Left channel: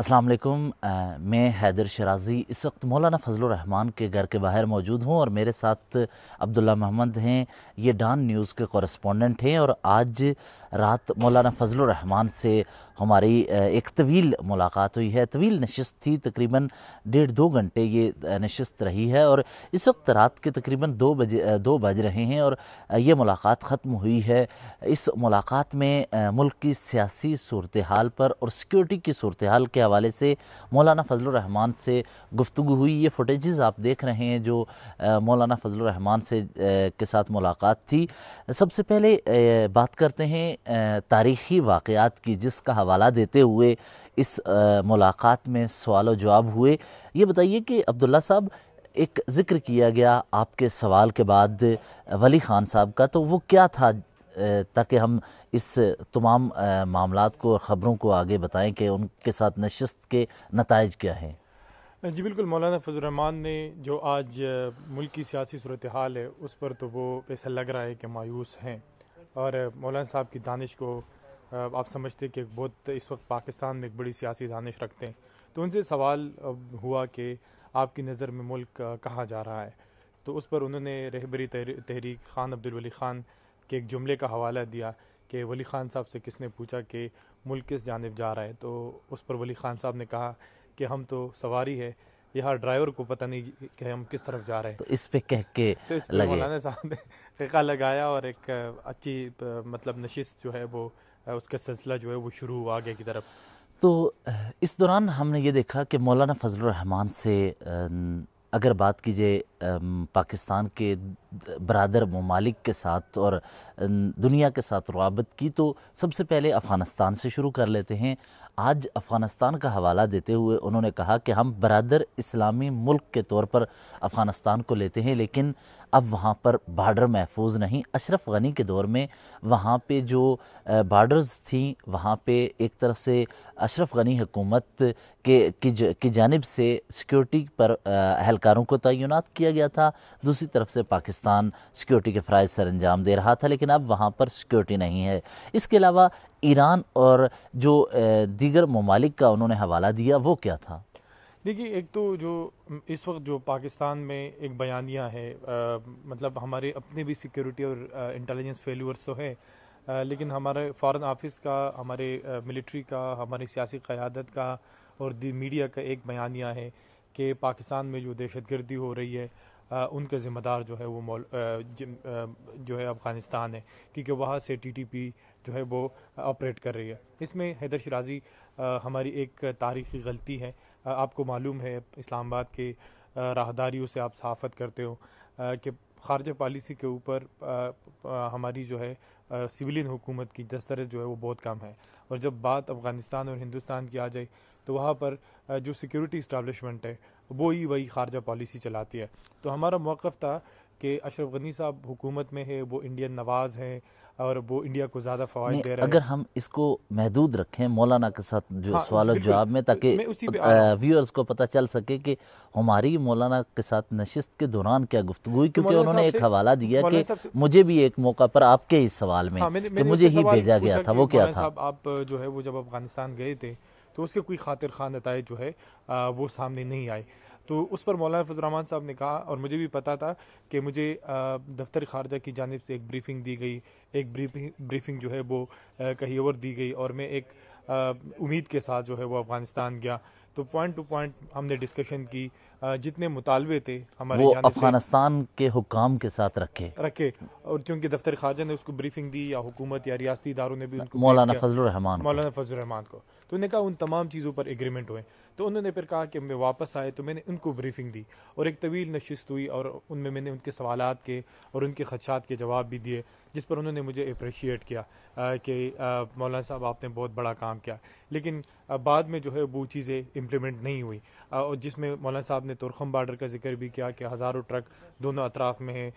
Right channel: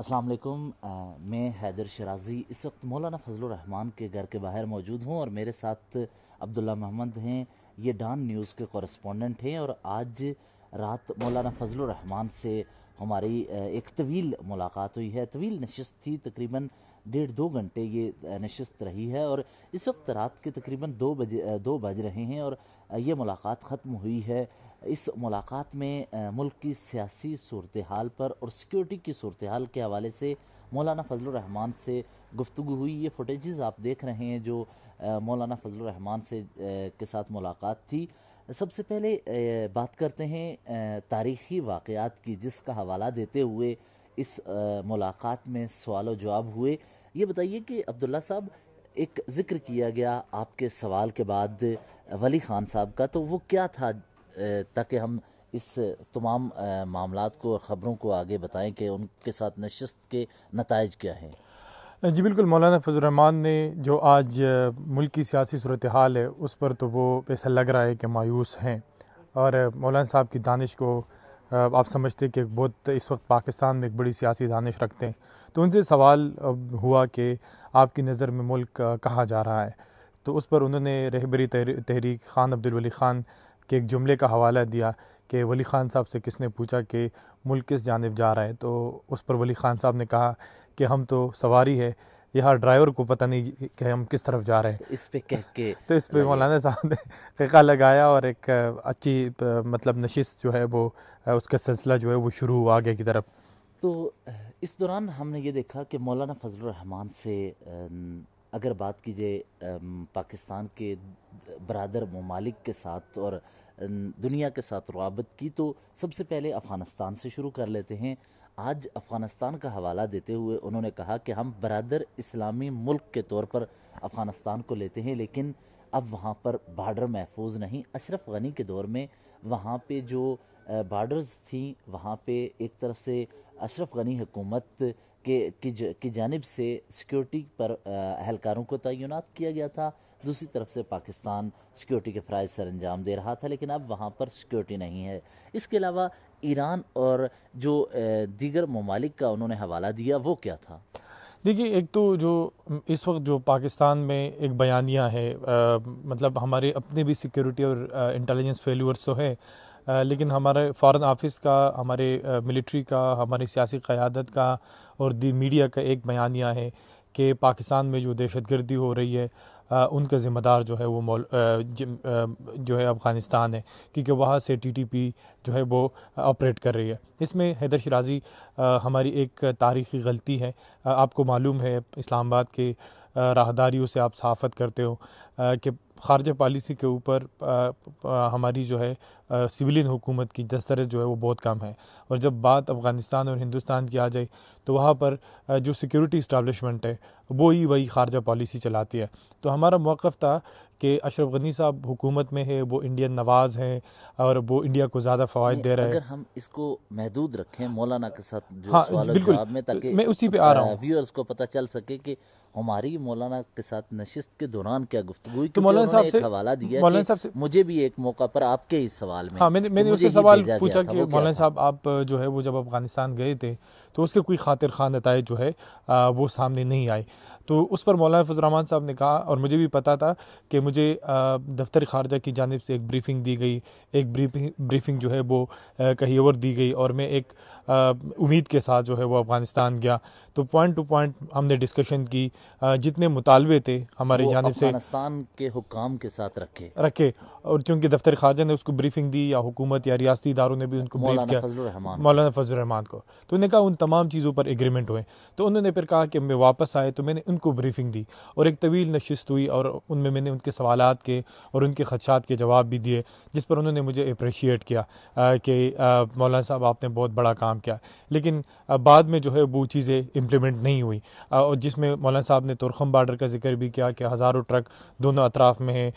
السلام علیکم، میں حیدر شرازی اس وقت مولانا فضل الرحمان کے گھر کے باہر موجود ہوں اور میرے ساتھ عبداللہ محمد ہیں. یہ ڈان نیوز کے کورسپونڈنٹ ہیں اور آج رات مولانا فضل الرحمان سے ہماری ایک طویل ملاقات ہوئی ہے. طویل نشست تھی، تقریباً 1.5-2 گھنٹے یہ نشست رہی ہے اور اس وقت رات کے تقریباً 2 بج رہے ہیں اور یہ ملاقات ختم ہوئی ہے. اس ملاقات میں ملک کی سیاسی صورتحال پر اور سیکیورٹی کی صورتحال کے حوالے سے مولانا فضل الرحمان سے گفتگو ہوئی. یہ فوٹیجز آپ دیکھ رہے ہیں جو مولانا فضل الرحمان سے کے ساتھ ملاقات تھی. سب سے پہلے بات کرتے ہیں تاریخی واقعات کی جس کا حوالہ دیتے ہوئے اس ملاقات میں سوال و جواب ہوئے. یہ بتائیے کہ عبداللہ صاحب، ایک ذکر کیا گیا آپ کے سوال کے بعد ولی خان صاحب کا، تو وہ کیا تھا تاکہ ہم اس تمام معاملات کو اور خبروں کو آگے بتائیں کہ ان کے ساتھ نشست کے نتائج کیا ہیں؟ جی بالکل، مولانا فضل الرحمان نے جو آج ملک کی سیاسی صورتحال ہے اس پر تو وہ ایسا لگ رہا ہے کہ مایوس ہیں، اور مولانا صاحب کی دانش کو آپ سمجھتے کہ بہت اس وقت پاکستان میں ایک بڑی سیاسی دانش رکھتے ہیں. تو ان سے سوال ہوا کہ آپ کی نظر میں ملک کہاں جا رہا ہے. تو اس پر انہوں نے رہبری تحریک خان عبدالولی خان کے ایک جملے کا حوالہ دیا کہ ولی خان صاحب سے کس نے پوچھا کہ ملک کس جانب جا رہا ہے. تو اس پر ولی خان صاحب نے کہا کہ ہم تو سواری ہے، یہاں ڈرائیور کو پتہ نہیں کہ ہم کس طرف جا رہے ہیں. تو اس پہ کہہ کے تو اس پہ مولانا صاحب نے قیقہ لگایا اور ایک اچھی مطلب نشست جو ہے وہ اس کا سلسلہ جو ہے وہ شروع ہوا آگے کی طرف. تو اس دوران ہم نے یہ دیکھا کہ مولانا فضل الرحمان سے اگر بات کیجیے پاکستان کے برادر ممالک کے ساتھ اور دنیا کے ساتھ روابط کی، تو سب سے پہلے افغانستان سے شروع کر لیتے ہیں. آج افغانستان کا حوالہ دیتے ہوئے انہوں نے کہا کہ ہم برادر اسلامی ملک کے طور پر افغانستان کو لیتے ہیں، لیکن اب وہاں پر بارڈر محفوظ نہیں. اشرف غنی کے دور میں وہاں پہ جو بارڈرز تھیں وہاں پہ ایک طرف سے اشرف غنی حکومت کی جانب سے سیکیورٹی پر اہلکاروں کو تعینات کیا گیا تھا، دوسری طرف سے پاکستان سیکیورٹی کے فرائض سر انجام دے رہا تھا، لیکن اب وہاں پر سیکیورٹی نہیں ہے. اس کے علاوہ ایران اور جو دیگر ممالک کا انہوں نے حوالہ دیا وہ کیا تھا؟ دیکھیے، ایک تو جو اس وقت جو پاکستان میں ایک بیانیہ ہے، مطلب ہمارے اپنے بھی سیکیورٹی اور انٹیلیجنس فیلورز تو ہے، لیکن ہمارے فارن آفس کا، ہمارے ملٹری کا، ہماری سیاسی قیادت کا اور میڈیا کا ایک بیانیہ ہے کہ پاکستان میں جو دہشت گردی ہو رہی ہے ان کا ذمہ دار جو ہے وہ جو ہے افغانستان ہے، کیونکہ وہاں سے ٹی ٹی پی جو ہے وہ آپریٹ کر رہی ہے. اس میں حیدر شرازی ہماری ایک تاریخی غلطی ہے. آپ کو معلوم ہے اسلام آباد کے راہداریوں سے آپ صحافت کرتے ہو کہ خارجہ پالیسی کے اوپر ہماری جو ہے سویلین حکومت کی دسترس جو ہے وہ بہت کم ہے، اور جب بات افغانستان اور ہندوستان کی آ جائے تو وہاں پر جو سیکیورٹی اسٹیبلشمنٹ ہے وہی خارجہ پالیسی چلاتی ہے. تو ہمارا موقف تھا کہ اشرف غنی صاحب حکومت میں ہے، وہ انڈین نواز ہیں اور وہ انڈیا کو زیادہ فوائد دے رہے ہیں. اگر ہم اس کو محدود رکھیں مولانا کے ساتھ جو سوال و جواب میں، تاکہ میں اسی پہ آ رہا ہوں، ویورز کو پتہ چل سکے کہ ہماری مولانا کے ساتھ نشست کے دوران کیا گفتگو ہوئی، کیونکہ انہوں نے ایک حوالہ دیا کہ مجھے بھی ایک موقع پر آپ کے اس سوال میں مجھے ہی بھیجا گیا تھا، وہ کیا تھا؟ صاحب آپ جو ہے وہ جب افغانستان گئے تھے تو اس کے کوئی خاطر خواہ نتائج جو ہے وہ سامنے نہیں آئے. تو اس پر مولانا فضل الرحمان صاحب نے کہا، اور مجھے بھی پتا تھا کہ مجھے دفتر خارجہ کی جانب سے ایک بریفنگ دی گئی، ایک بریفنگ جو ہے وہ کہیں اور دی گئی، اور میں ایک امید کے ساتھ جو ہے وہ افغانستان گیا. تو پوائنٹ ٹو پوائنٹ ہم نے ڈسکشن کی، جتنے مطالبے تھے ہماری جانب سے افغانستان کے حکام کے ساتھ رکھے، اور چونکہ دفتر خارجہ نے اس کو بریفنگ دی یا حکومت یا ریاستی اداروں نے بھی ان کو مولانا فضل الرحمان کو، تو انہوں نے کہا ان تمام چیزوں پر ایگریمنٹ ہوئے. تو انہوں نے پھر کہا کہ میں واپس آئے تو میں نے ان کو بریفنگ دی اور ایک طویل نشست ہوئی، اور ان میں نے ان کے سوالات کے اور ان کے خدشات کے جواب بھی دیے، جس پر انہوں نے مجھے اپریشیٹ کیا کہ مولانا صاحب آپ نے بہت بڑا کام کیا. لیکن بعد میں جو ہے وہ چیزیں امپلیمنٹ نہیں ہوئی، اور جس میں مولانا صاحب نے تورخم بارڈر کا ذکر بھی کیا کہ ہزاروں ٹرک دونوں اطراف میں ہیں،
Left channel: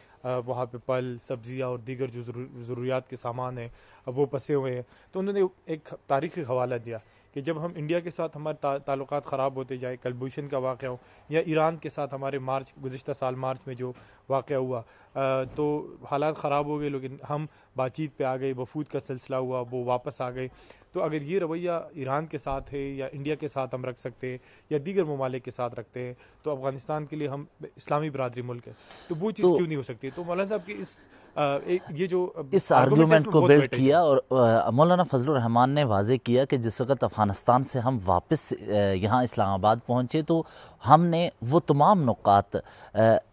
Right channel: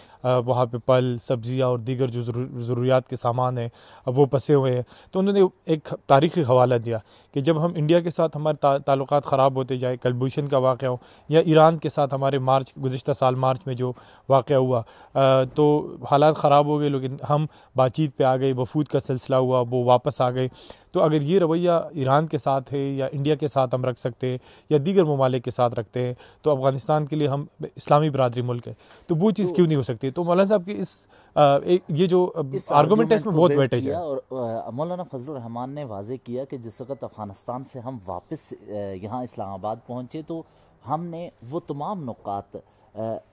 وہاں پہ پھل، سبزیاں اور دیگر جو ضروریات کے سامان ہیں وہ پسے ہوئے ہیں. تو انہوں نے ایک تاریخی حوالہ دیا کہ جب ہم انڈیا کے ساتھ ہمارے تعلقات خراب ہوتے جائے، کلبھوشن کا واقعہ ہو یا ایران کے ساتھ ہمارے گزشتہ سال مارچ میں جو واقعہ ہوا تو حالات خراب ہو گئے، لیکن ہم بات چیت پہ آ گئے، وفود کا سلسلہ ہوا، وہ واپس آ گئے. تو اگر یہ رویہ ایران کے ساتھ ہے یا انڈیا کے ساتھ ہم رکھ سکتے ہیں یا دیگر ممالک کے ساتھ رکھتے ہیں تو افغانستان کے لیے ہم اسلامی برادری ملک ہے، تو وہ چیز کیوں نہیں ہو سکتی؟ تو مولانا صاحب کی یہ جو اس آرگومنٹ کو بلڈ کیا اور مولانا فضل الرحمان نے واضح کیا کہ جس وقت افغانستان سے ہم واپس یہاں اسلام آباد پہنچے تو ہم نے وہ تمام نکات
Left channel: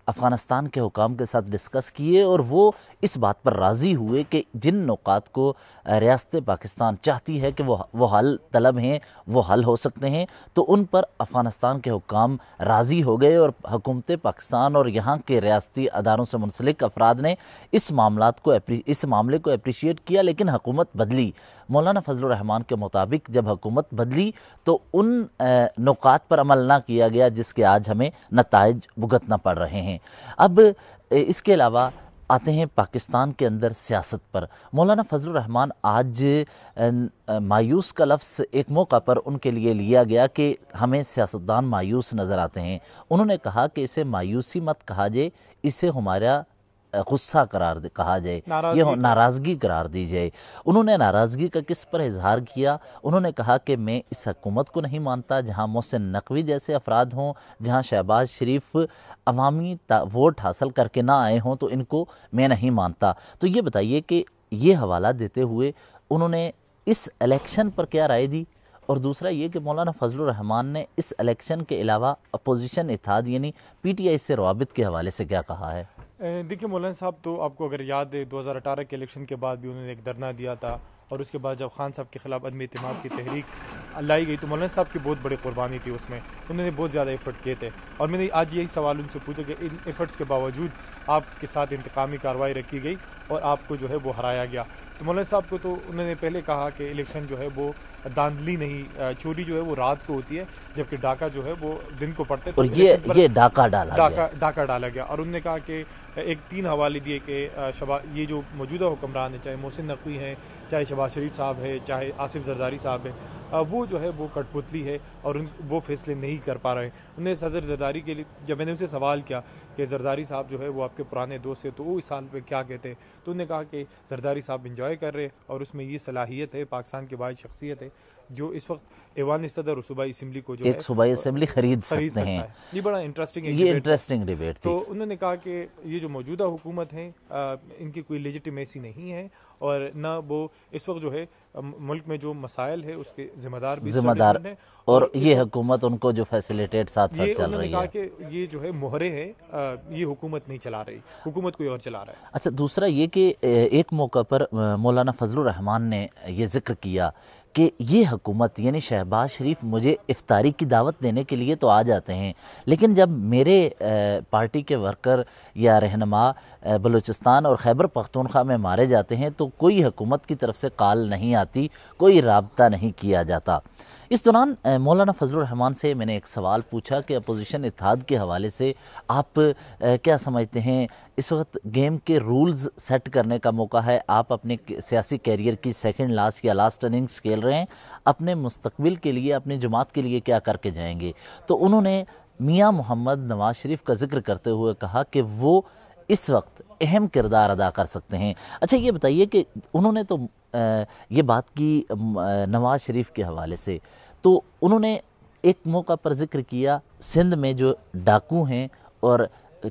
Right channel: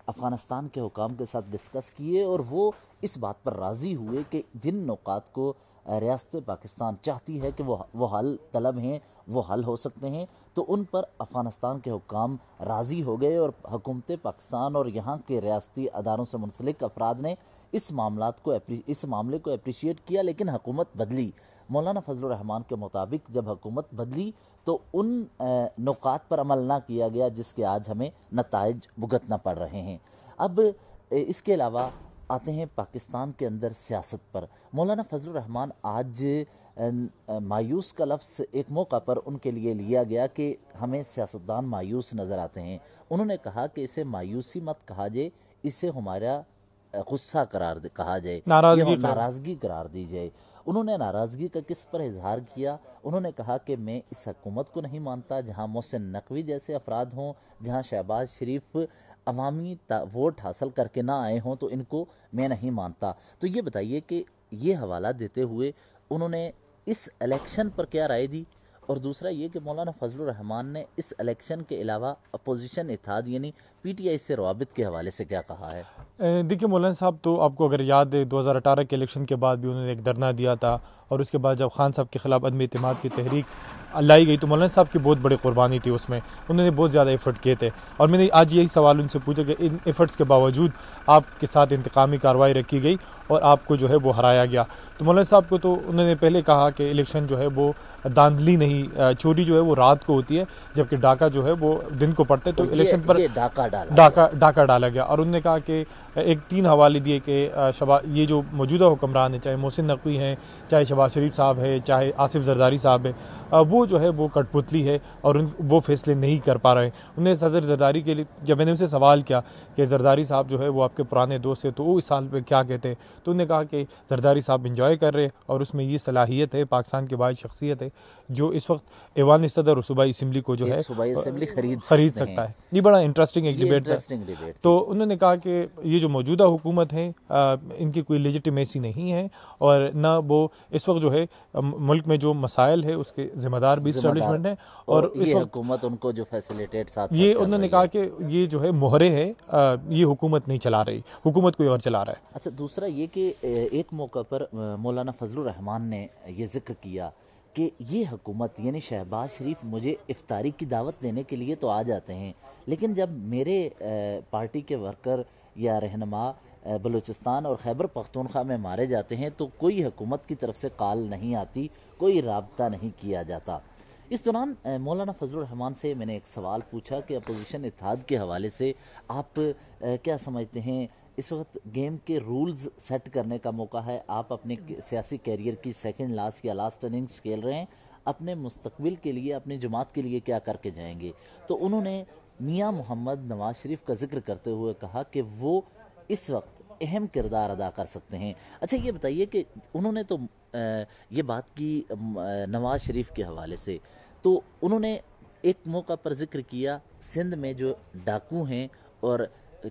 افغانستان کے حکام کے ساتھ ڈسکس کیے اور وہ اس بات پر راضی ہوئے کہ جن نکات کو ریاست پاکستان چاہتی ہے کہ وہ حل طلب ہیں، وہ حل ہو سکتے ہیں، تو ان پر افغانستان کے حکام راضی ہو گئے اور حکومت پاکستان اور یہاں کے ریاستی اداروں سے منسلک افراد نے اس معاملے کو اپریشیٹ کیا. لیکن حکومت بدلی. مولانا فضل الرحمان کے مطابق جب حکومت بدلی تو ان نکات پر عمل نہ کیا گیا جس کے آج ہمیں نتائج بھگتنا پڑ رہے ہیں. اب اس کے علاوہ آتے ہیں پاکستان کے اندر سیاست پر. مولانا فضل الرحمان آج مایوس کا لفظ ایک موقع پر ان کے لیے لیا گیا کہ ہمیں سیاستدان مایوس نظر آتے ہیں. انہوں نے کہا کہ اسے مایوسی مت کہا جائے، اسے ہمارا غصہ کہا جائے، یہ ناراضگی قرار دی جائے. انہوں نے ناراضگی کا کس پر اظہار کیا؟ انہوں نے کہا کہ میں اس حکومت کو نہیں مانتا جہاں محسن نقوی جیسے افراد ہوں، جہاں شہباز شریف عوامی ووٹ حاصل کر کے نہ آئے ہوں، تو ان کو میں نہیں مانتا. تو یہ بتائیے کہ یہ حوالہ دیتے ہوئے انہوں نے اس الیکشن پر کیا رائے دی، اور دوسرا یہ کہ مولانا فضل الرحمان نے اس الیکشن کے علاوہ اپوزیشن اتحاد یعنی پی ٹی آئی سے روابط کے حوالے سے کیا کہا ہے؟ دیکھیے مولانا صاحب، تو آپ کو اگر یاد ہے 2018 کے الیکشن کے بعد بھی انہوں نے ایک دھرنا دیا تھا، اور اس کے بعد جب خان صاحب کے خلاف عدم اعتماد کی تحریک لائی گئی تو مولانا صاحب کی بہت بڑی قربانی تھی اس میں، انہوں نے بہت زیادہ ایفرٹ کیے تھے. اور میں نے آج یہی سوال ان سے پوچھا کہ ان ایفرٹس کے باوجود آپ کے ساتھ انتقامی کارروائی رکھی گئی اور آپ کو جو ہے وہ ہرایا گیا. تو مولانا صاحب کو تو انہوں نے پہلے کہا کہ الیکشن جو ہے وہ داندلی نہیں، چوری جو ہے وہ رات کو ہوتی ہے جبکہ ڈاکہ جو ہے وہ دن کو پڑتے، تو الیکشن پر ڈاکہ ڈالا گیا. اور انہوں نے کہا کہ ایک 3 حوالے دیے کہ یہ جو موجودہ حکمران ہیں، چاہے محسن نقوی ہیں، چاہے شہباز شریف صاحب ہے، چاہے آصف زرداری صاحب ہے، وہ جو ہے وہ کٹ پتلی ہے اور وہ فیصلے نہیں کر پا رہے ہیں. انہیں صدر زرداری کے لیے جب میں نے اسے سوال کیا کہ زرداری صاحب جو ہے وہ آپ کے پرانے دوست ہیں تو وہ اس سال پہ کیا کہتے ہیں، تو انہوں نے کہا کہ زرداری صاحب انجوائے کر رہے اور اس میں یہ صلاحیت ہے، پاکستان کی واحد شخصیت ہے جو اس وقت ایوان صدر اور صوبائی اسمبلی کو جو ہے صوبائی اسمبلی خرید سکتا ہے. یہ بڑا انٹرسٹنگ ڈیبیٹ. تو انہوں نے کہا کہ یہ جو موجودہ حکومت ہے ان کی کوئی لیجیٹیمیسی نہیں ہے اور نہ وہ اس وقت جو ہے ملک میں جو مسائل ہے اس کے ذمہ دار بھی اسٹیبلشمنٹ ہے، اور یہ حکومت ان کو جو فیسیلیٹیٹ ساتھ چل رہی ہے. انہوں نے کہا کہ یہ جو ہے مہرے ہے، یہ حکومت نہیں چلا رہی، حکومت کوئی اور چلا رہا ہے. اچھا، دوسرا یہ کہ ایک موقع پر مولانا فضل الرحمان نے یہ ذکر کیا کہ یہ حکومت یعنی شہباز شریف مجھے افطاری کی دعوت دینے کے لیے تو آ جاتے ہیں، لیکن جب میرے پارٹی کے ورکر یا رہنما بلوچستان اور خیبر پختونخوا میں مارے جاتے ہیں تو کوئی حکومت کی طرف سے کال نہیں آتی، کوئی رابطہ نہیں کیا جاتا. اس دوران مولانا فضل الرحمان سے میں نے ایک سوال پوچھا کہ اپوزیشن اتحاد کے حوالے سے آپ کیا سمجھتے ہیں؟ اس وقت گیم کے رولز سیٹ کرنے کا موقع ہے، آپ اپنے سیاسی کیریئر کی سیکنڈ لاسٹ یا لاسٹ اننگز کھیل رہے ہیں، اپنے مستقبل کے لیے، اپنی جماعت کے لیے کیا کر کے جائیں گے؟ تو انہوں نے میاں محمد نواز شریف کا ذکر کرتے ہوئے کہا کہ وہ اس وقت اہم کردار ادا کر سکتے ہیں. اچھا یہ بتائیے کہ انہوں نے تو یہ بات کی نواز شریف کے حوالے سے، تو انہوں نے ایک موقع پر ذکر کیا سندھ میں جو ڈاکو ہیں اور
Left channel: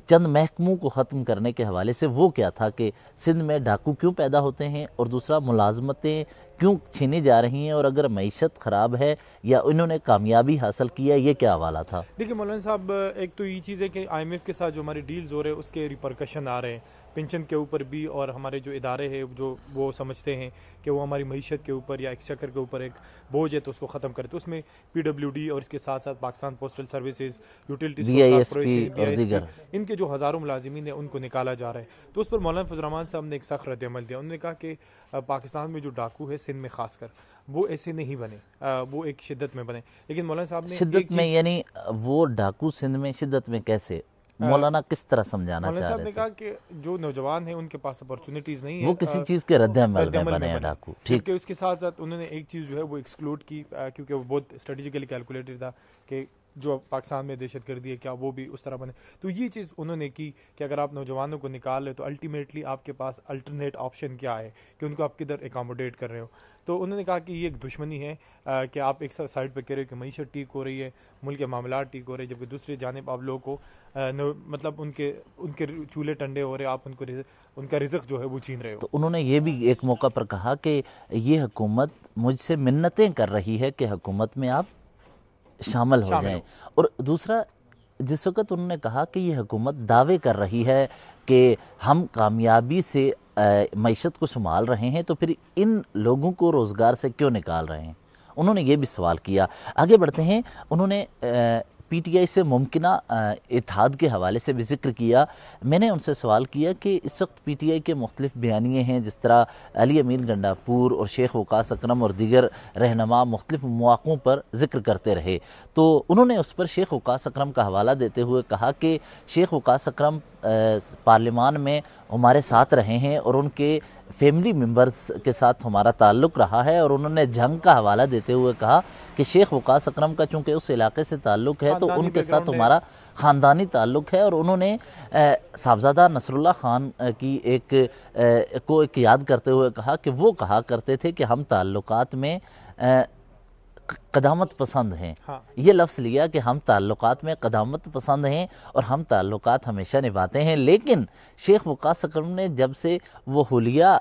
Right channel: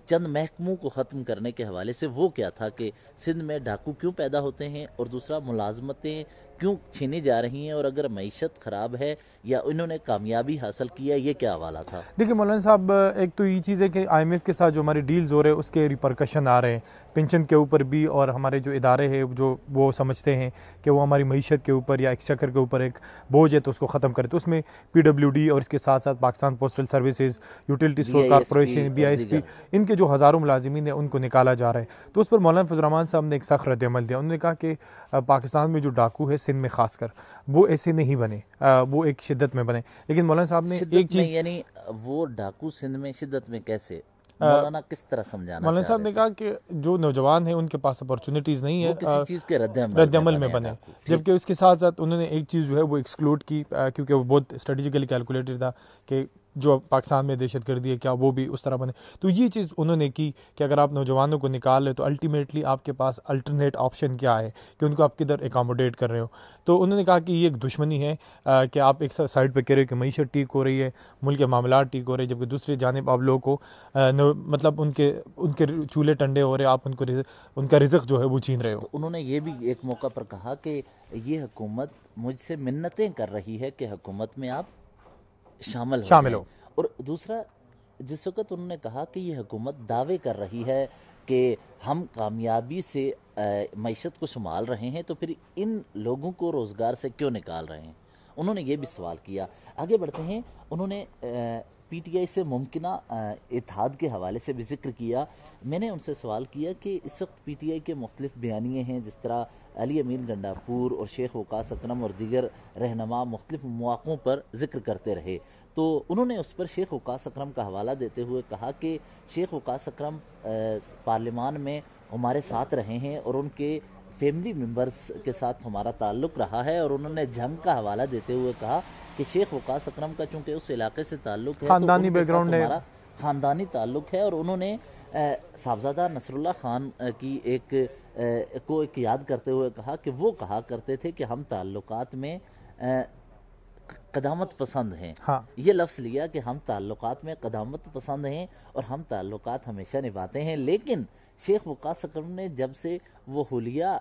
چند محکموں کو ختم کرنے کے حوالے سے. وہ کیا تھا کہ سندھ میں ڈاکو کیوں پیدا ہوتے ہیں اور دوسرا ملازمتیں کیوں چھینی جا رہی ہیں، اور اگر معیشت خراب ہے یا انہوں نے کامیابی حاصل کی ہے، یہ کیا حوالہ تھا؟ دیکھیں مولانا صاحب، ایک تو یہ چیز ہے کہ آئی ایم ایف کے ساتھ جو ہمارے ڈیلز ہو رہے ہیں اس کے ریپرکشن آ رہے ہیں پینشن کے اوپر بھی، اور ہمارے جو ادارے ہیں جو وہ سمجھتے ہیں کہ وہ ہماری معیشت کے اوپر یا ایکسچیکر کے اوپر ایک بوجھ ہے تو اس کو ختم کرے. تو اس میں پی ڈبلیو ڈی اور اس کے ساتھ ساتھ Pakistan postal services, utility corporation, B I S P, ان کے جو ہزاروں ملازمین ہیں ان کو نکالا جا رہا ہے. تو اس پر مولانا فضل الرحمان صاحب نے ایک سخت رد عمل دیا. انہوں نے کہا کہ پاکستان میں جو ڈاکو ہے سندھ میں خاص کر وہ ایسے نہیں بنے، وہ ایک شدت میں بنے. لیکن مولانا صاحب نے شدت میں یعنی وہ ڈاکو سندھ میں شدت میں کیسے؟ مولانا کس طرح سمجھانا مولانا چاہ صاحب رہے نے تھے؟ کہا کہ جو نوجوان ہیں ان کے پاس اپارچونیٹیز نہیں وہ ہے کسی چیز کے رد عمل میں بنے ڈاکو. جبکہ اس کے ساتھ ساتھ انہوں نے ایک چیز جو ہے وہ ایکسکلوڈ کی، کیونکہ وہ بہت اسٹریٹجیکلی کیلکولیٹڈ تھا کہ جو پاکستان میں دہشت گردی ہے کیا وہ بھی اس طرح بنے. تو یہ چیز انہوں نے کی کہ اگر آپ نوجوانوں کو نکال لیں تو الٹیمیٹلی آپ کے پاس الٹرنیٹ آپشن کیا ہے کہ ان کو آپ کدھر اکاموڈیٹ کر رہے ہو. تو انہوں نے کہا کہ یہ ایک دشمنی ہے کہ آپ ایک سائڈ پہ کہہ رہے ہو کہ معیشت ٹھیک ہو رہی ہے، ملک کے معاملات ٹھیک ہو رہے ہیں، جبکہ دوسری جانب آپ لوگوں کو مطلب ان کے چولہے ٹنڈے ہو رہے ہیں، آپ ان کا رزق جو ہے وہ چھین رہے ہو. تو انہوں نے یہ بھی ایک موقع پر کہا کہ یہ حکومت مجھ سے منتیں کر رہی ہے کہ حکومت میں آپ شامل ہو. اور دوسرا، جس وقت انہوں نے کہا کہ یہ حکومت دعوے کر رہی ہے کہ ہم کامیابی سے معیشت کو سنبھال رہے ہیں، تو پھر ان لوگوں کو روزگار سے کیوں نکال رہے ہیں؟ انہوں نے یہ بھی سوال کیا. آگے بڑھتے ہیں. انہوں نے پی ٹی آئی سے ممکنہ اتحاد کے حوالے سے بھی ذکر کیا. میں نے ان سے سوال کیا کہ اس وقت پی ٹی آئی کے مختلف بیانیے ہیں، جس طرح علی امین گنڈاپور اور شیخ وقاص اکرم اور دیگر رہنما مختلف مواقعوں پر ذکر کرتے رہے. تو انہوں نے اس پر شیخ وقاص اکرم کا حوالہ دیتے ہوئے کہا کہ شیخ وقاص اکرم پارلیمان میں ہمارے ساتھ رہے ہیں اور ان کے فیملی ممبرز کے ساتھ ہمارا تعلق رہا ہے. اور انہوں نے جنگ کا حوالہ دیتے ہوئے کہا کہ شیخ وقاص اکرم کا چونکہ اس علاقے سے تعلق ہے تو ان کے ساتھ ہمارا خاندانی تعلق ہے. اور انہوں نے صاحبزادہ نصر اللہ خان کی ایک یاد کرتے ہوئے کہا کہ وہ کہا کرتے تھے کہ ہم تعلقات میں قدامت پسند ہیں. یہ لفظ لیا کہ ہم تعلقات میں قدامت پسند ہیں اور ہم تعلقات ہمیشہ نبھاتے ہیں. لیکن شیخ وقاص اکرم نے جب سے وہ حلیہ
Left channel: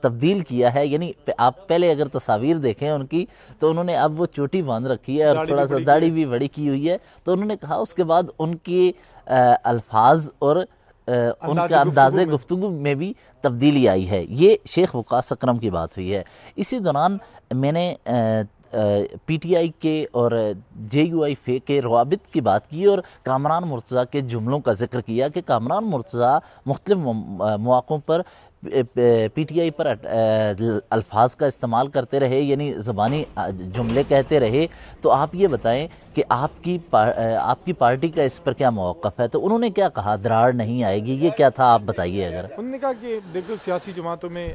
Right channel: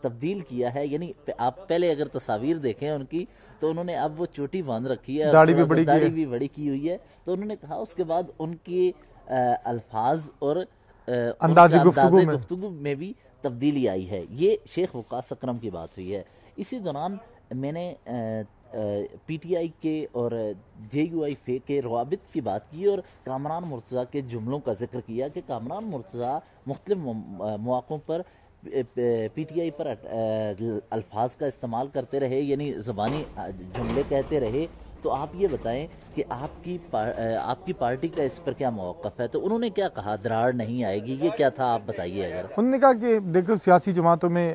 تبدیل کیا ہے، یعنی آپ پہلے اگر تصاویر دیکھیں ان کی تو انہوں نے اب وہ چوٹی باندھ رکھی ہے اور تھوڑا سا داڑھی بھی بڑی کی ہوئی ہے. تو انہوں نے کہا اس کے بعد ان کے الفاظ اور انداز گفتگو میں بھی تبدیلی آئی ہے. یہ شیخ وقاص اکرم کی بات ہوئی ہے. اسی دوران میں نے پی ٹی آئی کے اور جے یو آئی فے کے روابط کی بات کی اور کامران مرتضیٰ کے جملوں کا ذکر کیا کہ کامران مرتضیٰ مختلف مواقعوں پر پی ٹی آئی پر الفاظ کا استعمال کرتے رہے، یعنی زبانی جملے کہتے رہے. تو آپ یہ بتائیں کہ آپ کی پارٹی کا اس پر کیا موقف ہے؟ تو انہوں نے کیا کہا؟ دراڑ نہیں آئے گی، یہ کیا تھا؟ آپ بتائیے. اگر انہوں نے کہا کہ دیکھو سیاسی جماعتوں میں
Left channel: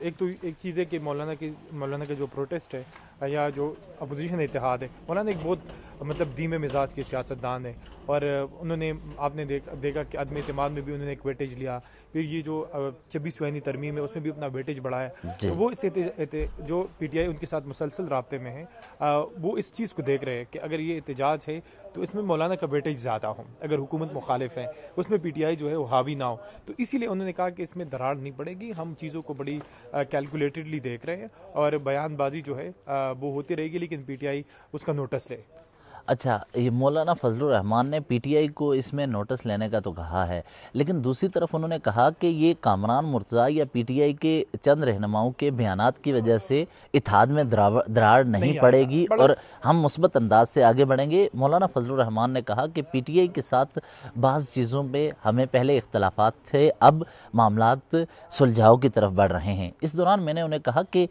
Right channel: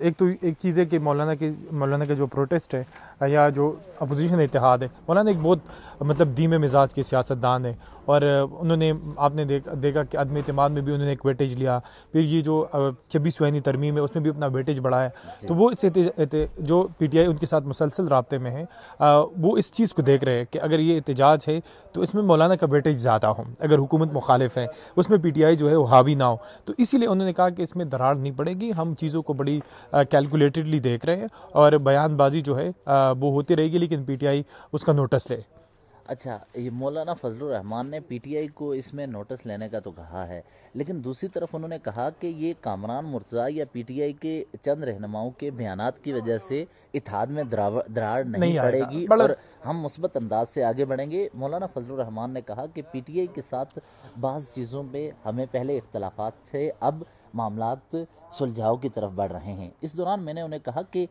ایک چیز ہے کہ مولانا کے جو پروٹیسٹ ہے یا جو اپوزیشن اتحاد ہے، مولانا ایک بہت مطلب دھیمے مزاج کے سیاستدان ہے. اور انہوں نے آپ نے دیکھا کہ عدم اعتماد میں بھی انہوں نے ایک ویٹیج لیا. پھر یہ جو 26ویں ترمیم ہے اس میں بھی اپنا ویٹیج بڑھایا. تو وہ جو پی ٹی آئی ان کے ساتھ مسلسل رابطے میں ہے، وہ اس چیز کو دیکھ رہے ہیں کہ اگر یہ احتجاج ہے تو اس میں مولانا کا ویٹیج زیادہ ہو، اگر حکومت مخالف ہے اس میں پی ٹی آئی جو ہے وہ حاوی نہ ہو. تو اسی لیے انہوں نے کہا کہ اس میں دراڑ نہیں پڑے گی، ہم چیزوں کو بڑی کیلکولیٹڈلی دیکھ رہے ہیں اور بیان بازی جو ہے وہ ہوتی رہے گی، لیکن پی ٹی آئی اس کا نوٹس لے. اچھا، یہ مولانا فضل الرحمان نے پی ٹی آئی کو اس میں نوٹس لینے کا تو کہا ہے، لیکن دوسری طرف انہوں نے کہا کہ یہ کامران مرتضیٰ یا پی ٹی آئی کے چند رہنماؤں کے بیانات کی وجہ سے اتحاد میں دراڑ نہیں پڑے گی اور ہم مثبت انداز سے آگے بڑھیں گے. مولانا فضل الرحمان نے کہا کہ پی ٹی آئی کے ساتھ بعض چیزوں پہ ہمیں پہلے اختلافات تھے، اب معاملات سلجھاؤ کی طرف بڑھ رہے ہیں. اس دوران میں نے انہیں کہا کہ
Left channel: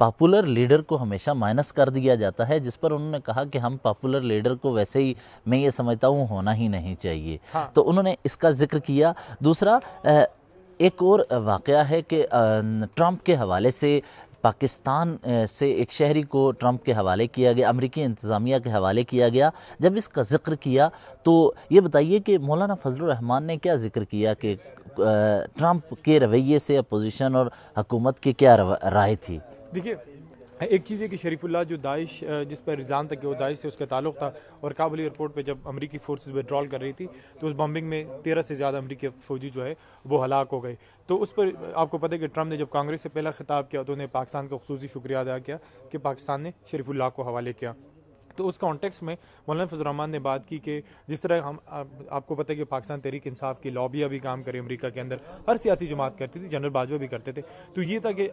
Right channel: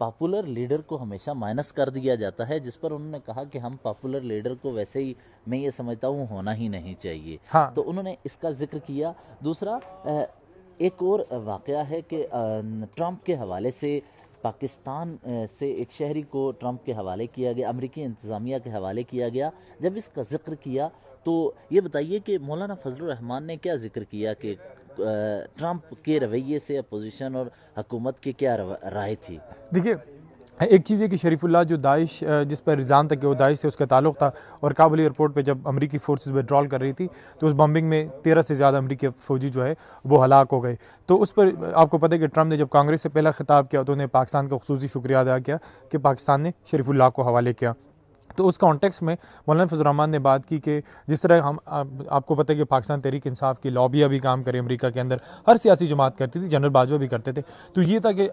پاپولر لیڈر کو ہمیشہ مائنس کر دیا جاتا ہے، جس پر انہوں نے کہا کہ ہم پاپولر لیڈر کو ویسے ہی میں یہ سمجھتا ہوں ہونا ہی نہیں چاہیے. تو انہوں نے اس کا ذکر کیا. دوسرا ایک اور واقعہ ہے کہ ٹرمپ کے حوالے سے پاکستان سے ایک شہری کو ٹرمپ کے حوالے کیا گیا، امریکی انتظامیہ کے حوالے کیا گیا. جب اس کا ذکر کیا تو یہ بتائیے کہ مولانا فضل الرحمان نے کیا ذکر کیا کہ ٹرمپ کے رویے سے اپوزیشن اور حکومت کی کیا رائے تھی؟ دیکھیے، ایک چیز ہے کہ شریف اللہ جو داعش جس پر الزام تھا کہ وہ داعش سے اس کا تعلق تھا، اور کابل ایئرپورٹ پہ جب امریکی فورسز وڈرال کر رہی تھی تو اس بمبنگ میں 13 سے زیادہ امریکی فوجی جو ہے وہ ہلاک ہو گئے. تو اس پر آپ کو پتہ ہے کہ ٹرمپ نے جب کانگریس سے پہلا خطاب کیا تو انہیں پاکستان کا خصوصی شکریہ ادا کیا کہ پاکستان نے شریف اللہ کو حوالے کیا. تو اس کانٹیکس میں مولانا فضل الرحمان نے بات کی کہ جس طرح ہم آپ کو پتہ ہے کہ پاکستان تحریک انصاف کی لابیاں بھی کام کرے امریکہ کے اندر، ہر سیاسی جماعت کرتی تھی، جنرل باجوہ بھی کرتے تھے. تو یہ تھا کہ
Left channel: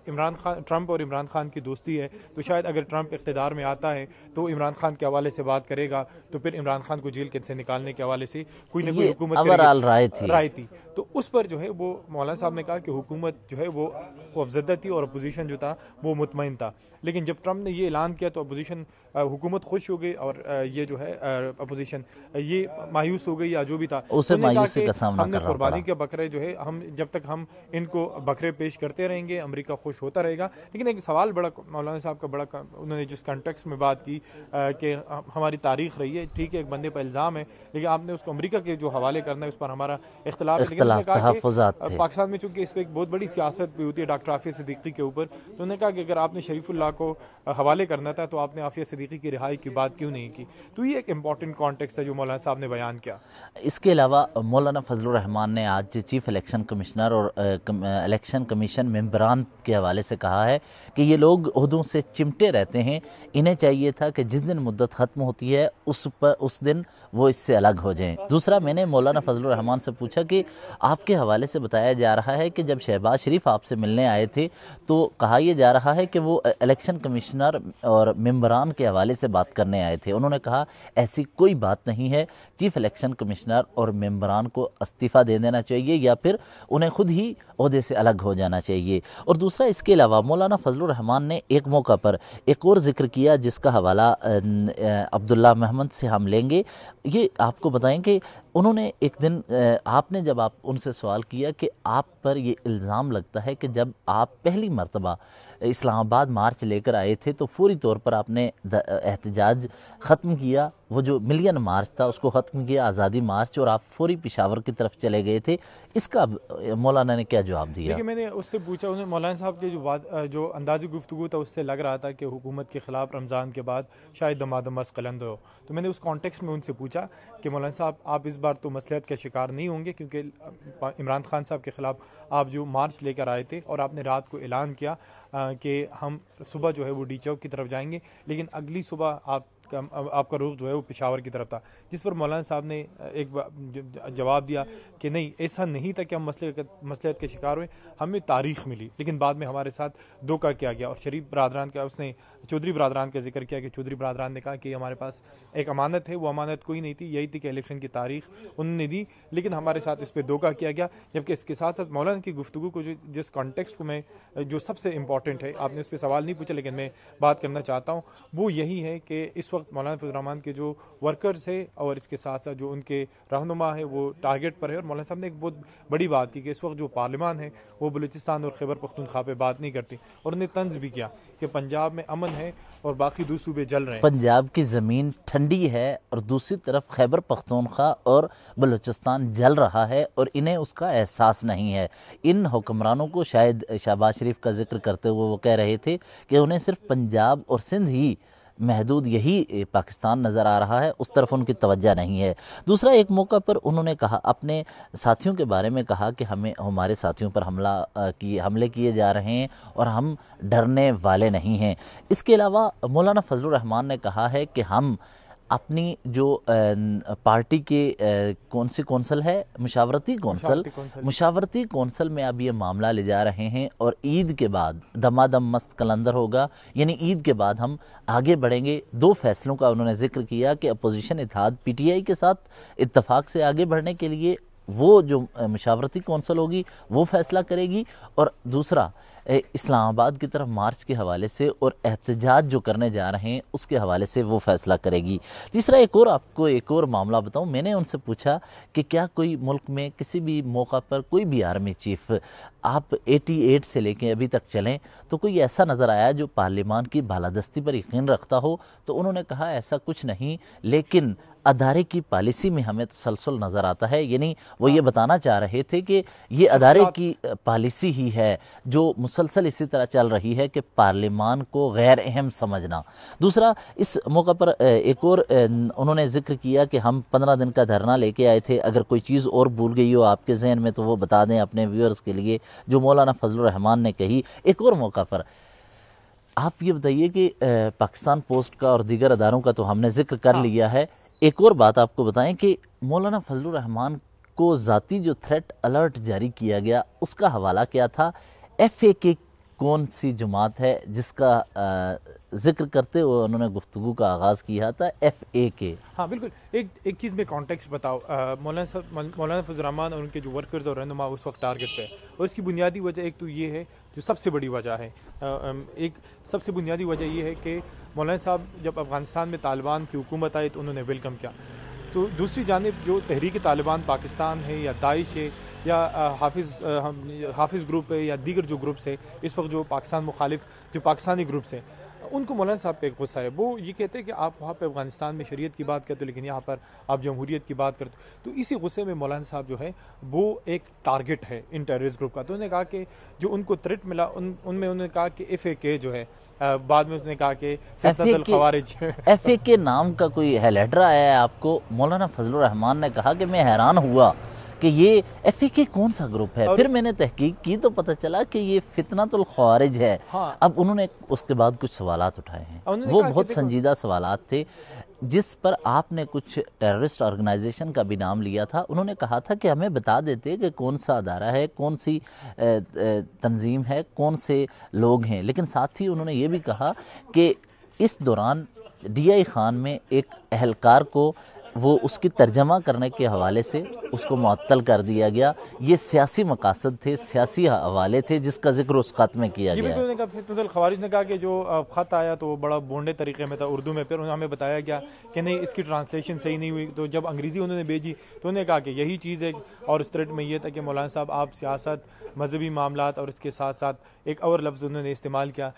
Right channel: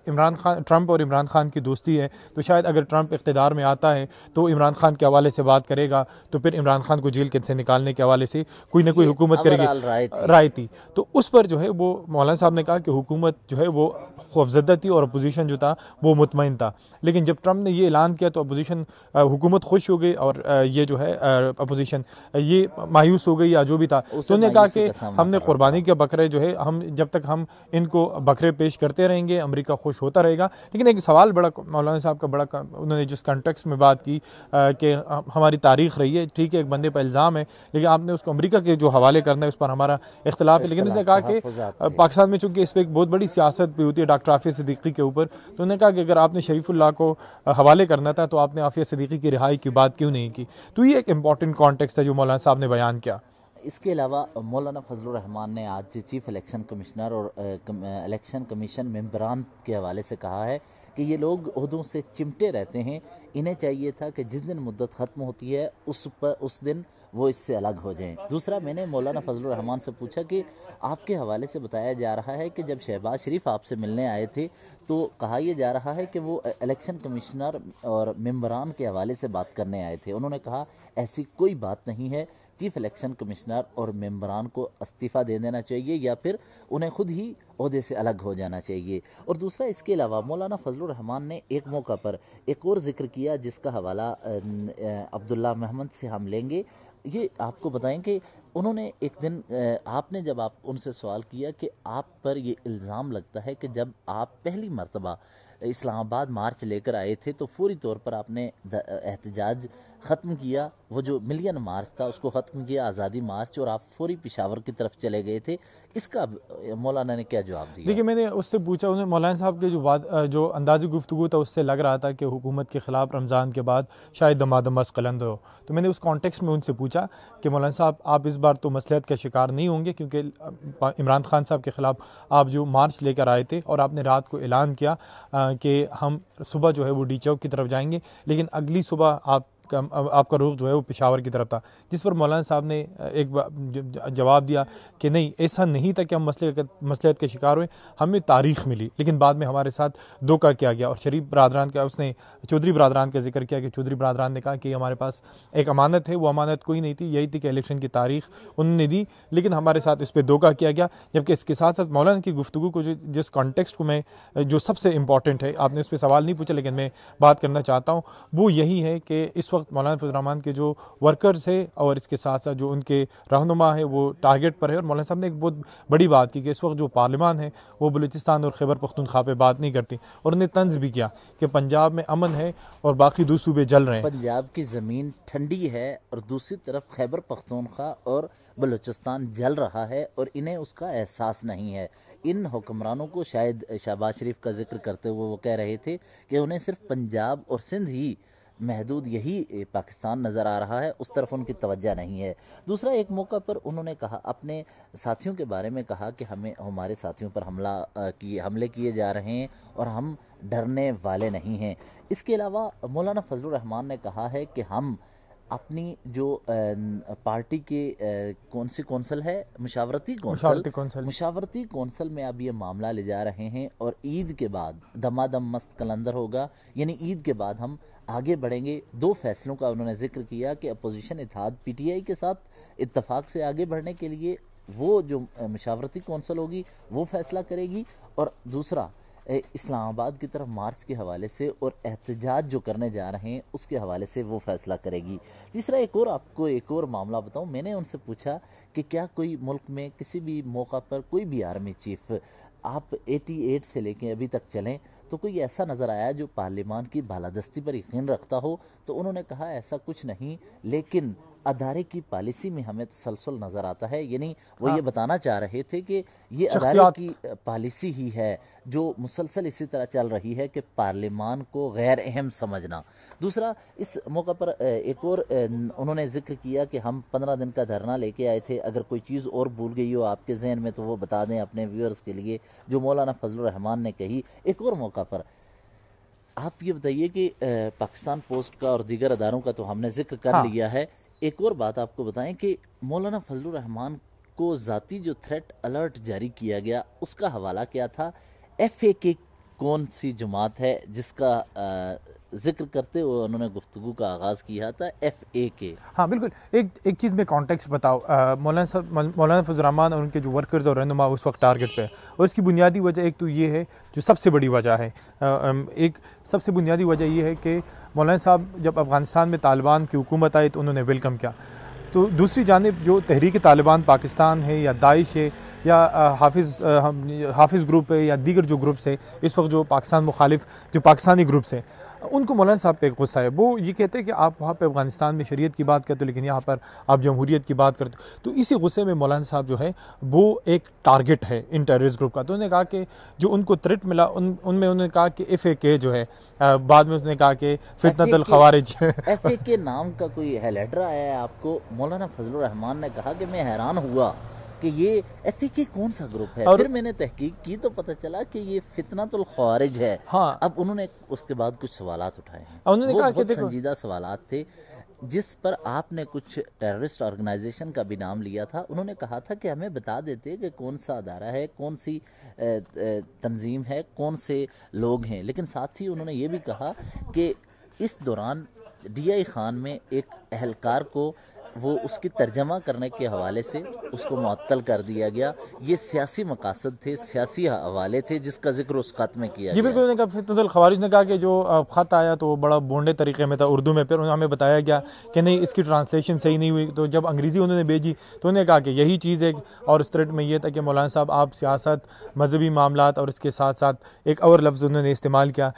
ٹرمپ اور عمران خان کی دوستی ہے، تو شاید اگر ٹرمپ اقتدار میں آتا ہے تو عمران خان کے حوالے سے بات کرے گا، تو پھر عمران خان کو جیل سے نکالنے کے حوالے سے کوئی نہ کوئی حکومت کرے گی، رائے تھی. تو اس پر جو ہے وہ مولانا صاحب نے کہا کہ حکومت جو ہے وہ خوفزدہ تھی اور اپوزیشن جو تھا وہ مطمئن تھا. لیکن جب ٹرمپ نے یہ اعلان کیا تو اپوزیشن حکومت خوش خاموش ہو گئے اور یہ جو ہے اپوزیشن یہ مایوس ہو گئی یا جو بھی تھا. انہوں نے کہا کہ ہم نے قربانی کے بکرے جو ہے ہم جب تک ہم ان کو بکرے پیش کرتے رہیں گے امریکہ خوش ہوتا رہے گا. لیکن ایک سوال بڑا مولانا صاحب کا بڑا انہوں نے جس کنٹیکسٹ میں بات کی کہ ہماری تاریخ رہی ہے, ٹھیک ہے ایک بندے پر الزام ہے لیکن آپ نے اس کو امریکہ کے جو حوالے کرنا ہے اس پر ہمارا اختلاف ہے. لیکن اس نے کہا کہ پاکستان میں چونکہ اس پہ ایک بہت بڑی سیاست بھی ہوتی ہے ڈاکٹر عافیہ صدیقی کے اوپر, تو انہوں نے کہا کہ اگر آپ نے شریف اللہ کو حوالے کرنا تھا تو آپ نے عافیہ صدیقی کی رہائی کی بات کیوں نہیں کی. تو یہ ایک امپورٹنٹ کانٹیکسٹ ہے جو مولانا صاحب نے بیان کیا. اس کے علاوہ مولانا فضل الرحمان نے آج چیف الیکشن کمشنر اور الیکشن کمیشن ممبران کے حوالے سے کہا ہے کہ یہ لوگ عہدوں سے چمٹے رہتے ہیں, انہیں چاہیے تھا کہ جس دن مدت ختم ہوتی ہے اس دن وہ اس سے الگ ہو جائیں. دوسرا میں نے مولانا فضل الرحمان سے پوچھا کہ آپ کے حوالے سے بتایا جا رہا ہے کہ جب شہباز شریف آپ سے ملنے آئے تھے تو کہا یہ جا رہا ہے کہ وہ الیکشن کمشنر اور ممبران کے حوالے سے بات کرنے آئے تھے. انہوں نے کہا ایسی کوئی بات نہیں ہے, چیف الیکشن کمشنر اور ممبران کو استعفیٰ دے دینا چاہیے یا پھر انہیں خود ہی عہدے سے الگ ہو جانا چاہیے. اور دوسرا اس کے علاوہ مولانا فضل الرحمان نے ایک موقع پر ایک اور ذکر کیا جس کا حوالہ عبداللہ محمد سے ہم لیں گے. یہ آپ کو بتائیں کہ انہوں نے ایک دن آپ نے جب آپ ان سے سوال کیا کہ آپ پر یہ الزام لگتا ہے کہ جب آپ پہلی مرتبہ اسلام آباد مارچ لے کر آئے تھے تو فوری طور پر آپ نے احتجاج ختم کیا, وہ جو ملین مارچ تھا اس کو ختم کیا, آزادی مارچ, اور آپ فوری پشاور کی طرف چلے گئے تھے. اس کا مولانا نے کیا جواب دیا؟ دیکھیے میں نے اس سے پوچھا, انہیں مولانا صاحب کے جو انداز گفتگو تھا اس سے لگ رہا تھا کہ حکومت کے خلاف رمضان کے بعد شاید دمادم مسقلند ہو. تو میں نے اس کانٹیکس میں ان سے پوچھا کہ مولانا صاحب آپ اس بار تو مصلحت کا شکار نہیں ہوں گے کیونکہ عمران خان صاحب کے خلاف آپ جو مارچ لے کر آئے تھے اور آپ نے رات کو اعلان کیا کہ ہم صبح جو ہے وہ ڈی چوک کی طرف جائیں گے, لیکن اگلی صبح آپ کا رخ جو ہے وہ پشاور کی طرف تھا. جس پر مولانا صاحب نے ایک جواب دیا کہ نہیں ایسا نہیں تھا کہ ہم مصلحت کے شکار ہوئے, ہمیں تاریخ ملی لیکن بعد میں ہمارے ساتھ دھوکہ کیا گیا. اور شریف برادران کا اس نے چودھری برادران کا ذکر کیا کہ چودھری برادران نے کہا کہ ہمارے پاس ایک امانت ہے, وہ امانت کوئی نہیں تھی, یہی تھی کہ الیکشن کی تاریخ انہوں نے دی لیکن ہمارے ساتھ اس پہ دھوکہ کیا گیا. جبکہ اس کے ساتھ ساتھ مولانا کی گفتگو کو جس کانٹیکسٹ کو میں جو سب سے امپورٹنٹ ہے, آپ نے اس پہ سوال نہیں پوچھا لیکن میں بات کرنا چاہتا ہوں, وہ یہی ہے کہ اس وقت مولانا فضل الرحمان کے جو ورکرز ہے اور اس کے ساتھ ساتھ جو ان کے رہنما ہے وہ ٹارگٹ پر ہے. اور مولانا صاحب نے ایک بہت بڑی بات کی کہ اس وقت جو پارلیمان ہے وہ بلوچستان اور خیبر پختونخوا پہ بات نہیں کرتی, اور انہیں طنز بھی کیا کہ پنجاب میں امن ہے اور باقی دو صوبے جل رہے ہیں. پنجاب کی زمین ٹھنڈی ہے اور دوسری طرف خیبر پختونخوا اور بلوچستان جل رہا ہے اور انہیں اس کا احساس نہیں ہے. ان حکمرانوں کو شاید شہباز شریف کا ذکر کرتے ہوئے وہ کہہ رہے تھے کہ انہیں صرف پنجاب اور سندھ ہی محدود یہی پاکستان نظر آ رہا ہے, اس طرف ان کی توجہ نہیں ہے. دوسرا ایک موقع پر انہوں نے کہا اپنے ساتھیوں کے بارے میں کہا کہ ہمارے ساتھیوں پر حملے کیے جا رہے ہیں اور ہم ڈرنے والے نہیں ہیں. اس کے علاوہ مولانا فضل الرحمان نے کہا ہے کہ ہم اپنی جو پارٹی کے کون سی کونسل ہے مشاورتی کونسل میں اب یہ معاملہ لے جا رہے ہیں اور عید کے بعد دمادم مست کلندر ہوگا, یعنی عید کے بعد ہم آگے بڑھیں گے. دو فیصلوں کا انہوں نے ذکر کیا کہ اپوزیشن اتحاد پی ٹی آئی کے ساتھ اتفاق سے آگے بڑھنے کے لیے وہ جو مشاورتی کونسل ہوگی وہ فیصلہ کرے گی, اور دوسرا اسلام آباد کی طرف مارچ کے حوالے سے اور احتجاج جو کرنے جا رہے ہیں اس کے حوالے سے وہ فیصلہ کرے گی. تیسرا ایک اور معاملہ بتاؤں, میں نے ان سے پوچھا کہ کیا کوئی ملک میں کسی بھی موقع پر کوئی بھی آرمی چیف آپ 88 سے لے کے ابھی تک چلیں تو کوئی ایسا نظر آیا جو پارلیمان کی بالادستی پر یقین رکھتا ہو؟ تو انہوں نے کہا ایسا کچھ نہیں, لیکن ادارے کی پالیسی میں ہمیں تسلسل نظر آتا ہے. یعنی وہ یہ بتانا چاہ رہے تھے کہ یہ ادارے کی پالیسی ہی ہے جو مسلسل اسی طرح چل رہی ہے کہ پارلیمان کو غیر اہم سمجھنا. دوسرا اس موقع پر ایک اور انہوں نے ذکر کیا کہ ہم 15 دن کا دھرنا لے کے آئے تھے, اگر کوئی چیز اور بھول گئی ہو آپ کے ذہن میں تو وہ بتا دیں اپنے ویورز کے لیے, جو مولانا فضل الرحمان نے کہی. ایک اور موقع پر آپ یہ بتائیے کہ پاکستان پوسٹ کا اور دیگر اداروں کا تو ہم نے ذکر کر لیا ہے, ایک اور بات آپ کو بتائیں کہ مولانا فضل الرحمان کو ذاتی جو تھریٹ الرٹ جاری کیا گیا اس کا حوالہ کیا تھا؟ ایف اے کے کون سی جماعت ہے جس کا ذکر کرتے ہوئے انہوں نے گفتگو کا آغاز کیا تھا؟ ایف اے کے. ہاں بالکل. ایک چیز میں کانٹیکسٹ بتاؤ, مولانا فضل الرحمان اور ان کے جو ورکرز اور رہنما اس وقت ٹارگٹ پہ ہے, اور اس کی بنیادی وجہ ایک تو یہ ہے جو سب سے بڑی وجہ ہے, ایک سب سے بنیادی وجہ یہ ہے کہ مولانا صاحب جب افغانستان میں طالبان کی حکومت آئی تو انہوں نے ویلکم کیا. تو دوسری جانب جو تحریک طالبان پاکستان ہے یا داعش ہے یا حافظ گروپ ہے یا دیگر جو گروپس ہے اس وقت جو پاکستان مخالف جو پاکستانی گروپس ہیں, ان کو مولانا صاحب پہ ایک غصہ ہے. وہ یہ کہتے ہیں کہ آپ وہاں پہ افغانستان میں شریعت کی بات کرتے ہو لیکن یہاں پر آپ جمہوریت کی بات کرتے ہو. تو اسی غصے میں مولانا صاحب جو ہے وہ ایک ٹارگٹ ہے ان ٹیررسٹ گروپ کا. تو انہوں نے کہا کہ جو ان کو تھریٹ ملا ان میں انہوں نے کہا کہ FAK جو ہے, بعد میں اس نے کہا کہ فتنۃ الخوارج. FAK نام کا کوئی لیٹر آیا ہے آپ کو؟ مولانا فضل الرحمان نے کہا کہ میں حیران ہوا کہ یہ FAK کون سا گروپ ہے. پھر میں نے تحقیق کی تو پتہ چلا کہ یہ فتنۃ الخوارج ہے. اب انہوں نے اس کے بعد کچھ سوالات اٹھائے ہیں, وہ بہت سنجیدہ سوالات تھے, جس پر آپ نے کچھ ٹیررسٹ آرگنائزیشن کا بھی نام لیا تھا. انہوں نے کہا تھا کہ ہمیں بتا دیتے کہ کون سا ادارہ ہے, کون سی تنظیم ہے, کون سے لوگ ہیں. لیکن ساتھ ہی انہوں نے یہ بھی کہا کہ اس دوران DI خان میں ایک اہلکار کو وہ اس کی ترجمہ کرنے کے حوالے سے اس کو معطل کر دیا گیا. یہ سیاسی مقاصد تھے, سیاسی حوالے تھے جس کا ذکر اس خط میں کیا گیا. جی بالکل. انہوں نے کہا فتنۃ الخوارج نے کہا کہ جو خط آیا تو وہ بڑا بونڈے طریقے میں تھا اردو میں. پھر ہمیں بتایا گیا کہ نہیں اس کی ٹرانسلیشن صحیح نہیں ہوئی. تو جب انگریزی انہوں نے بھیجی تو انہوں نے کہا کہ یہی چیز ہے. اور اس تھریٹ میں یہ تھا کہ مولانا صاحب آپ سیاست, مذہبی معاملات اور اس کے ساتھ ساتھ ایک اور لفظ انہوں نے استعمال کیا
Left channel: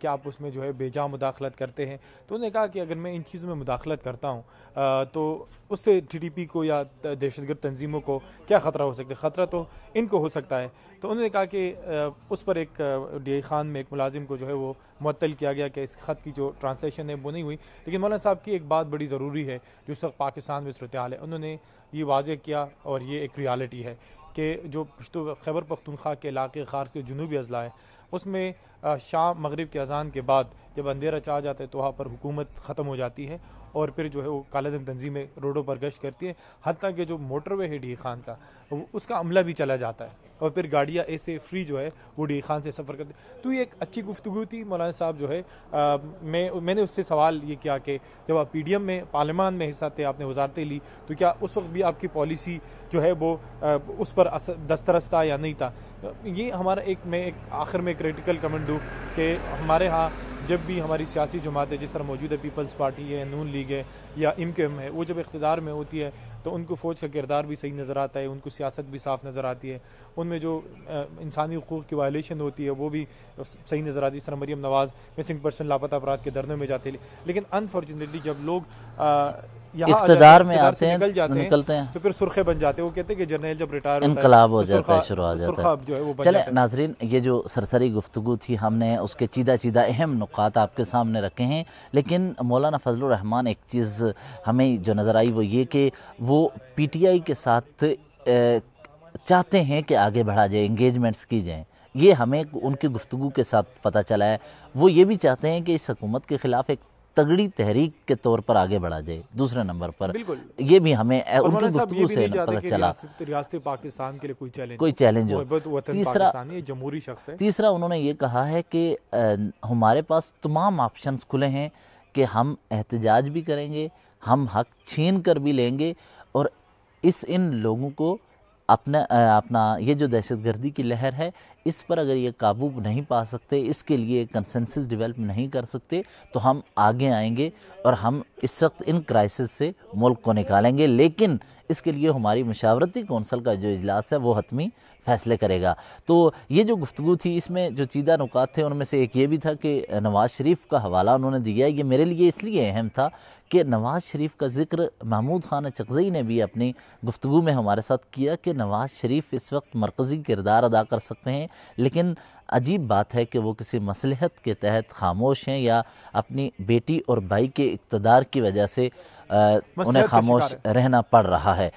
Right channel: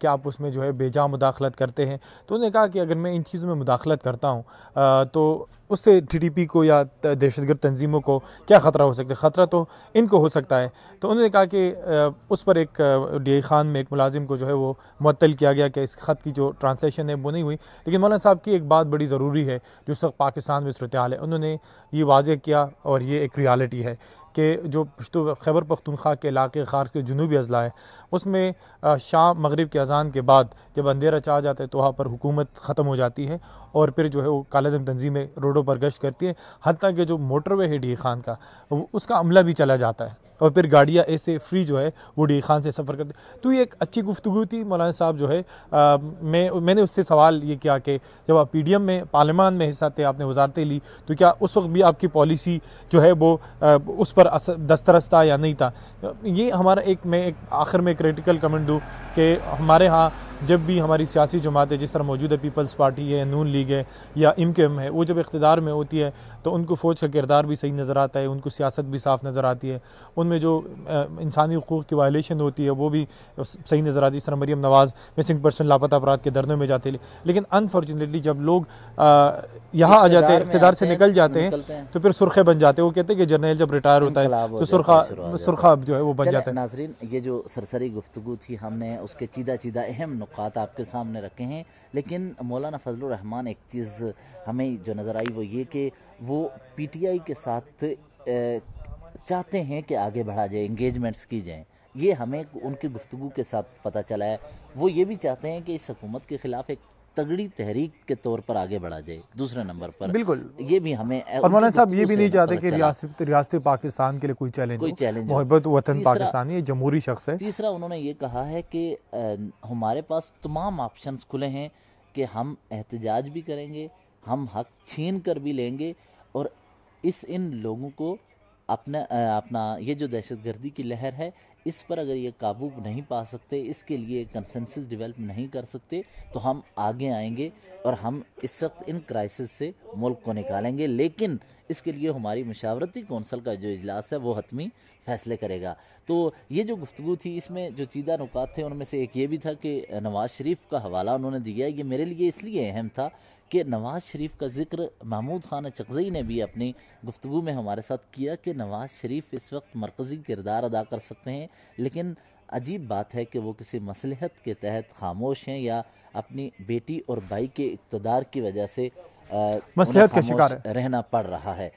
کہ آپ اس میں جو ہے بے جا مداخلت کرتے ہیں. تو انہوں نے کہا کہ اگر میں ان چیزوں میں مداخلت کرتا ہوں تو اس سے TTP کو یا دہشت گرد تنظیموں کو کیا خطرہ ہو سکتا ہے؟ خطرہ تو ان کو ہو سکتا ہے. تو انہوں نے کہا کہ اس پر ایک DI خان میں ایک ملازم کو جو ہے وہ معطل کیا گیا کہ اس خط کی جو ٹرانسلیشن ہے وہ نہیں ہوئی. لیکن مولانا صاحب کی ایک بات بڑی ضروری ہے جو اس وقت پاکستان میں صورتحال ہے, انہوں نے یہ واضح کیا اور یہ ایک ریالٹی ہے کہ جو پشتو خیبر پختونخوا کے علاقے خار کے جنوبی اضلاع ہے اس میں شام مغرب کے اذان کے بعد جب اندھیرا چھا جاتا ہے تو وہاں پر حکومت ختم ہو جاتی ہے اور پھر جو ہے وہ کالا دن تنظیمیں روڈوں پر گشت کرتی ہیں. حتیٰ کہ جو موٹر وے ہے DI خان کا اس کا عملہ بھی چلا جاتا ہے اور پھر گاڑیاں ایسے فری جو ہے وہ DI خان سے سفر کرتی. تو یہ ایک اچھی گفتگو تھی. مولانا صاحب جو ہے میں نے اس سے سوال یہ کیا کہ جب آپ PDM میں پارلیمان میں حصہ تھے, آپ نے وزارتیں لی, تو کیا اس وقت بھی آپ کی پالیسی جو ہے وہ اس پر دسترس تھا یا نہیں تھا؟ یہ ہمارا میں ایک آخر میں کریٹیکل کمنٹ دوں کہ ہمارے ہاں جب بھی ہماری سیاسی جماعتیں جس طرح موجودہ پیپلز پارٹی ہے, نون لیگ ہے یا MKM ہے, وہ جب اقتدار میں ہوتی ہے تو ان کو فوج کا کردار بھی صحیح نظر آتا ہے, ان کو سیاست بھی صاف نظر آتی ہے, ان میں جو انسانی حقوق کی وائلیشن ہوتی ہے وہ بھی صحیح نظر آتی ہے. اس طرح مریم نواز مسنگ پرسن لاپتہ افراد کے دھرنوں میں جاتے ہیں. لیکن انفارچونیٹلی جب لوگ یہاں اقتدار سے نکل جاتے ہیں تو پھر سرخے بن جاتے ہیں. وہ کہتے ہیں کہ جرنیل جب ریٹائر ہوتا ہے تو سرخا جو ہے وہ بن جاتا ہے. ناظرین, یہ جو سرسری گفتگو تھی ہم نے اس کے چیدہ اہم نقاط آپ کے سامنے رکھے ہیں. لیکن مولانا فضل الرحمان ایک چیز ہمیں جو نظر آئی وہ یہ کہ وہ PTI کے ساتھ چاہتے ہیں کہ آگے بڑھا جائے, انگیجمنٹس کی جائیں. یہ ہمیں ان کی گفتگو کے ساتھ پتہ چلا ہے. وہ یہ بھی چاہتے ہیں کہ اس حکومت کے خلاف ایک تگڑی تحریک کے طور پر آگے بڑھا جائے. دوسرے نمبر پر بالکل یہ بھی ہمیں مولانا صاحب یہ بھی نہیں چاہتے کہ ریاست پاکستان کے لیے کوئی چیلنج محبت وطن پاکستانی یہ جمہوری شخص ہے. تیسرا انہوں نے یہ کہا ہے کہ ہمارے پاس تمام آپشنز کھلے ہیں کہ ہم احتجاج بھی کریں گے, ہم حق چھین کر بھی لیں گے, اور ان لوگوں کو اپنا یہ جو دہشت گردی کی لہر ہے اس پر اگر یہ قابو نہیں پا سکتے, اس کے لیے کنسنسس ڈیولپ نہیں کر سکتے, تو ہم آگے آئیں گے اور ہم اس وقت ان کرائسس سے ملک کو نکالیں گے. لیکن اس کے لیے ہماری مشاورتی کونسل کا جو اجلاس ہے وہ حتمی فیصلے کرے گا. تو یہ جو گفتگو تھی اس میں جو چیدہ نکات تھے ان میں سے ایک یہ بھی تھا کہ نواز شریف کا حوالہ انہوں نے دیا. یہ میرے لیے اس لیے اہم تھا کہ نواز شریف کا ذکر محمود خان چغزئی نے بھی اپنی گفتگو میں ہمارے ساتھ کیا کہ نواز شریف اس وقت مرکزی کردار ادا کر سکتے ہیں, لیکن عجیب بات ہے کہ وہ کسی مصلحت کے تحت خاموش ہیں یا اپنی بیٹی اور بھائی کے اقتدار کی وجہ سے انہیں خاموش رہنا پڑ رہا ہے.